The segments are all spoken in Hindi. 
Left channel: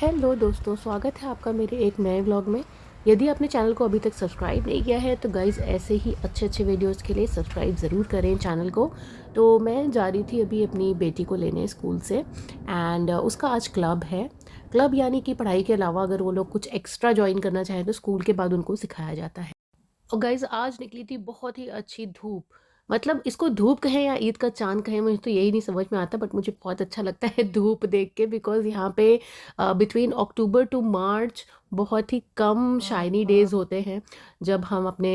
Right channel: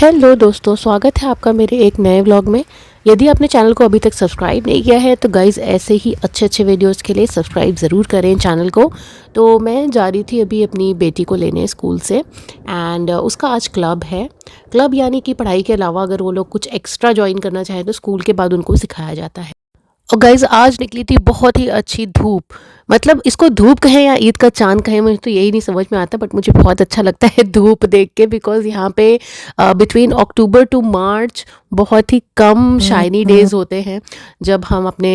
हेलो दोस्तों, स्वागत है आपका मेरे एक नए व्लॉग में। यदि आपने चैनल को अभी तक सब्सक्राइब नहीं किया है तो गाइज़ ऐसे ही अच्छे अच्छे वीडियोस के लिए सब्सक्राइब ज़रूर करें चैनल को। तो मैं जा रही थी अभी अपनी बेटी को लेने स्कूल से एंड उसका आज क्लब है। क्लब यानी कि पढ़ाई के अलावा अगर वो लोग कुछ एक्स्ट्रा ज्वाइन करना चाहें तो स्कूल के बाद उनको सिखाया जाता है। और गाइज़ आज निकली थी बहुत ही अच्छी धूप। मतलब इसको धूप कहें या ईद का चाँद कहें, मुझे तो यही नहीं समझ में आता, बट मुझे बहुत अच्छा लगता है धूप देख के, बिकॉज़ यहाँ पे बिटवीन अक्टूबर टू मार्च बहुत ही कम शाइनी डेज़ होते हैं जब हम अपने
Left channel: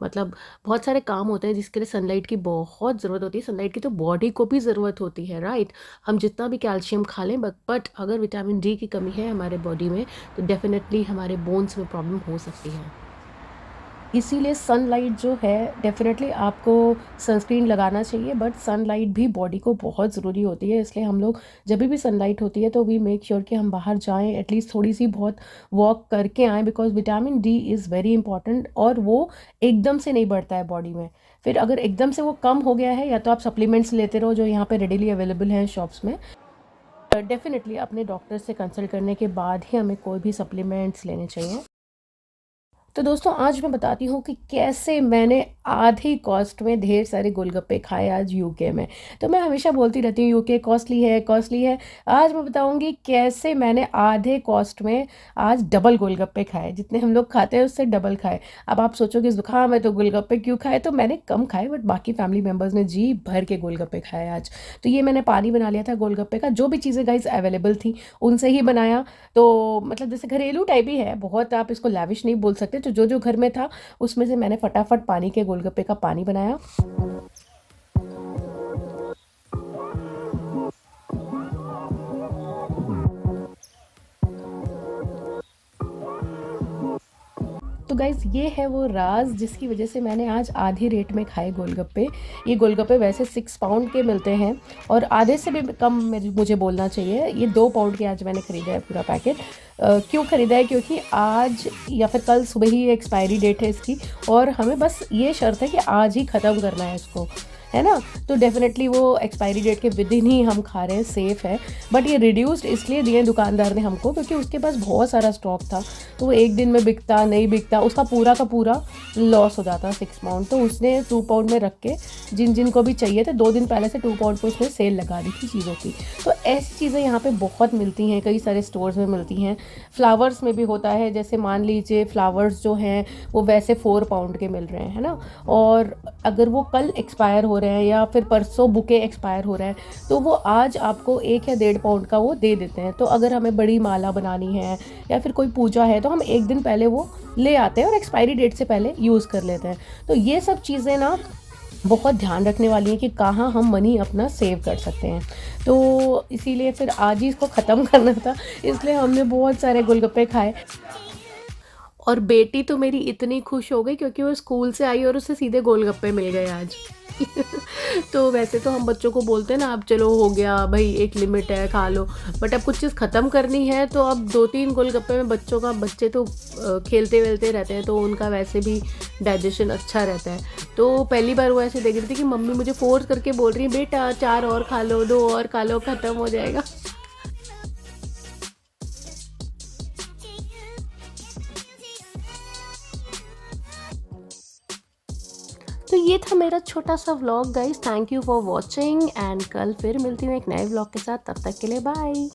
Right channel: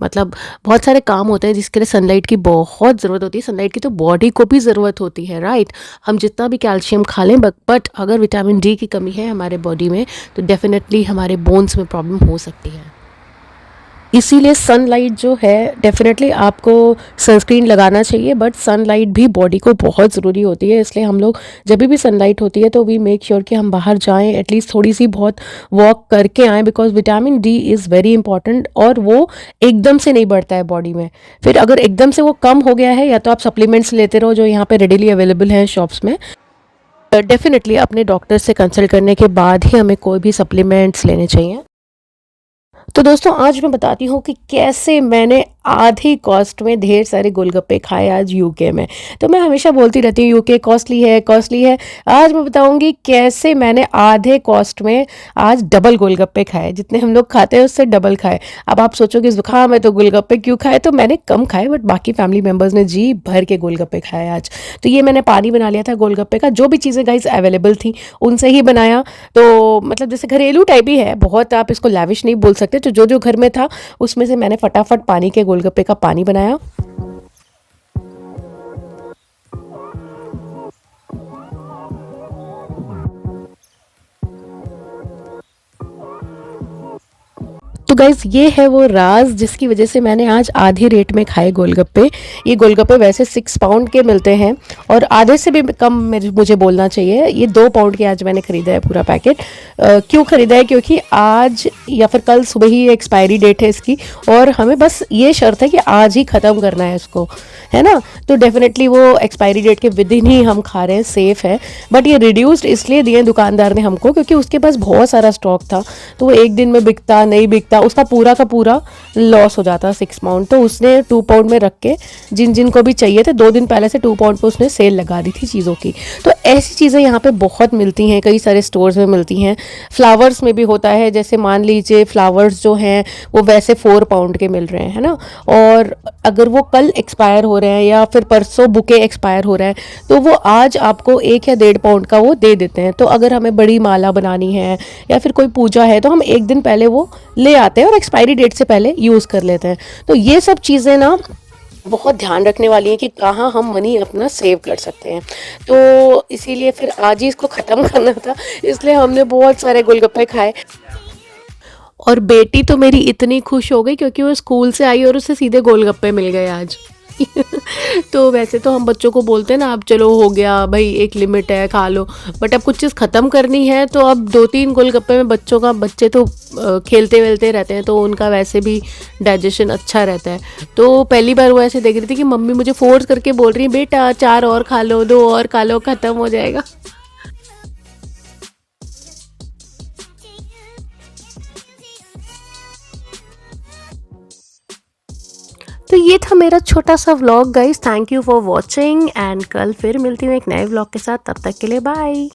मतलब बहुत सारे काम होते हैं जिसके लिए सनलाइट की बहुत ज़रूरत होती है। सनलाइट की तो बॉडी को भी ज़रूरत होती है, राइट? हम जितना भी कैल्शियम खा लें बट अगर विटामिन डी की कमी है हमारे बॉडी में तो डेफ़िनेटली हमारे बोन्स में प्रॉब्लम हो सकती है। इसीलिए सनलाइट जो है डेफ़िनेटली आपको सनस्क्रीन लगाना चाहिए, बट सनलाइट भी बॉडी को बहुत ज़रूरी होती है। इसलिए हम लोग जब भी सनलाइट होती है तो वी मेक श्योर कि हम बाहर जाएं, एटलीस्ट थोड़ी सी बहुत वॉक करके आएँ, because vitamin D is very important और वो एकदम से नहीं बढ़ता है बॉडी में। फिर अगर एकदम से वो कम हो गया है या तो आप सप्लीमेंट्स लेते रहो जो यहाँ पे रेडीली अवेलेबल हैं शॉप्स में। डेफ़िनेटली अपने डॉक्टर से कंसल्ट करने के बाद ही हमें कोई भी सप्लीमेंट्स लेने चाहिए। तो दोस्तों आज मैं बताती हूँ कि कैसे मैंने आधी कॉस्ट में ढेर सारे गोलगप्पे खाए आज यूके में। तो मैं हमेशा बोलती रहती हूँ यूके कॉस्टली है कॉस्टली है। आज मैं बताऊँगी कैसे मैंने आधे कॉस्ट में आज डबल गोलगप्पे खाए, जितने हम लोग खाते हैं उससे डबल खाए। अब आप सोचोगे ज़ुकाम है तो गोलगप्पे क्यों खाए, तो मैंने कम खाए बट बाकी फैमिली मेम्बर्स ने जी भर के गोलगप्पे खाए आज। तो ये मैंने पानी बना लिया था गोलगप्पे का, जो भी चीज़ें गाइस अवेलेबल थी उनसे ही बनाया। तो मतलब जैसे घरेलू टाइप ही है, बहुत आप इसको लैविश नहीं बोल सकते। तो जो जो घर में था उसमें से मैंने फटाफट पानी के गोलगप्पे का पानी बनाया। तो गाइज़ ये है वो राज जिसकी वजह से मैंने आज आधे रेट में खाए गोलगप्पे। ये गोलगप्पे वैसे 6 पाउंड के मिलते हैं और आधे से भी कम मुझे बोलना चाहिए। ये 2 पाउंड के आज मैंने ख़रीदा है पूरा पैकेट। क्यों ख़रीदा है? क्योंकि आज या फिर कल सुबह ही एक्सपायरी डेट है इसकी और हमें बस ये शर्त है कि आज ही ख़त्म करना है इसको, है ना? तो डेफ़िनेटली वो एक्सपायरी डेट के विदिन ही हम खा रहे हैं, सेफ़ है। बट ये रिड्यूस्ड इसलिए दिए दुकानदार ने हमको क्योंकि उसके पास बहुत सारा स्टॉक था, तो वो एक दिन में बिकता नहीं बिकता उसका पूरा का पूरा लॉस हो जाता 6 पाउंड। तो उसने 2 पाउंड में रख के जिन जिन को भी चाहिए थे 2 दिन पहले से 2 पाउंड पे उसने सेल लगा दी थी चीज़ों की। तो ऐसी चीज़ें यहाँ पे बहुत मिलती हैं, कई सारे स्टोर्स में मिलती हैं। फ्लावर्स में भी होता है, जैसे मान लीजिए फ्लावर्स जो हैं वो वैसे 4 पाउंड के मिल रहे हैं, है ना? और अगर वो कल एक्सपायर हो रहे हैं या फिर परसों बुके एक्सपायर हो रहा है तो वो आज आपको 1 या 1.5 पाउंड का वो दे देते हैं। तो अगर हमें बड़ी माला बनानी है या फिर कोई पूजा है तो हम एक दिन पहले वो ले आते हैं और एक्सपायरी डेट से पहले यूज़ कर लेते हैं। तो ये सब चीज़ें ना बहुत ध्यान रखने वाली हैं कि कहाँ हम मनी अपना सेव कर सकते हैं। तो इसीलिए फिर आज ही इसको ख़त्म करना था, इसलिए हमने बहुत सारे गोलगप्पे खाए। और बेटी तो मेरी इतनी खुश हो गई क्योंकि वो स्कूल से आई और उसे सीधे गोलगप्पे मिल गए आज। तो वैसे तो हम बच्चों को बोलते हैं ना, अब चलो हो गया भाई, एक लिमिट है खा लो, बट अब कुछ चीज़ ख़त्म करनी है तो अब 2-3 गोलगप्पे में बच्चे तो खेलते वेलते रहते हैं तो उनका वैसे भी डाइजेशन अच्छा रहता है। तो पहली बार वो ऐसे देख रही थी कि मम्मी मुझे फोर्स करके बोल रही है बेटा 4 और खा लो, 2 और खा लो, ख़त्म हो जाएगा। तो ये था मेरा छोटा सा vlog guys. Thank you for watching and कल फिर मिलती हूँ एक नए व्लॉग के साथ। तब तक के लिए बाय।